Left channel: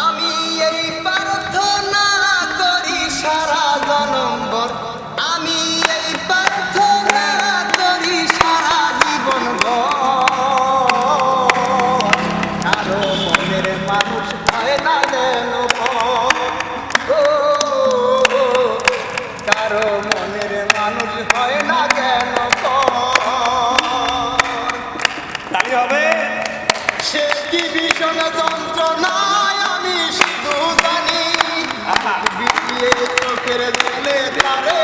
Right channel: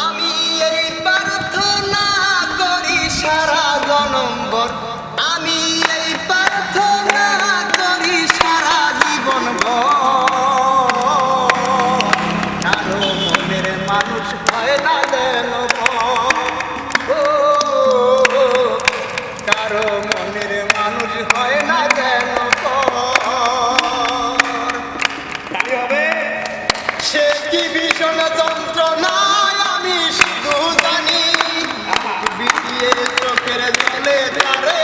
আমি এই প্রার্থনা করি সারা জনম্বর। আমি এই প্রার্থনা করি সারা জীবন কারও মনের মানুষ হয় না যেন ভীষণ যন্ত্রণায় আমি শুধু জানি। বিটিয়ে চোখের জলে তারে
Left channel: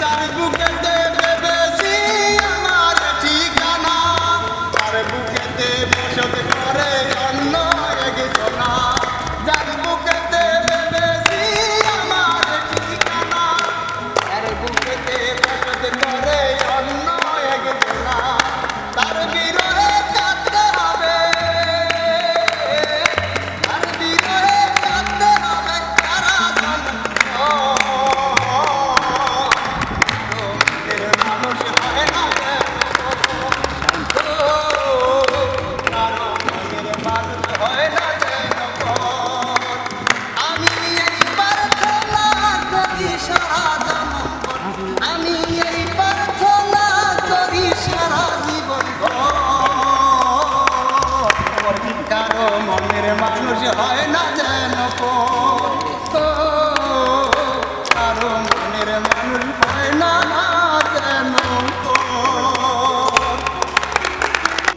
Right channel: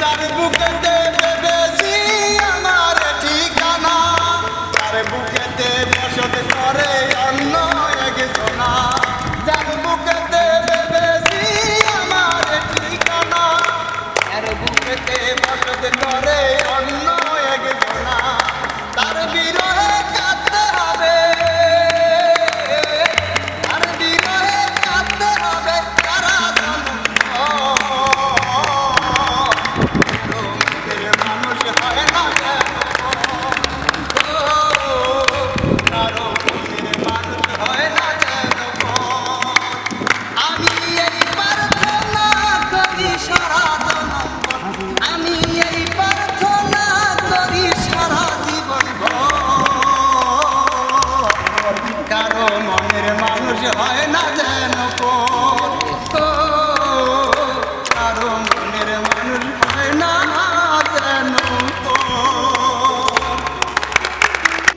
যার বুকেতে ভেবেছি আমার ঠিকানা। যার বুকেতে বসত করে অন্য বুকেতে ভেবেছি আমার ঠিকানা। বুকেতে তার বিরহে মনের মানুষ হয় না যেন কোন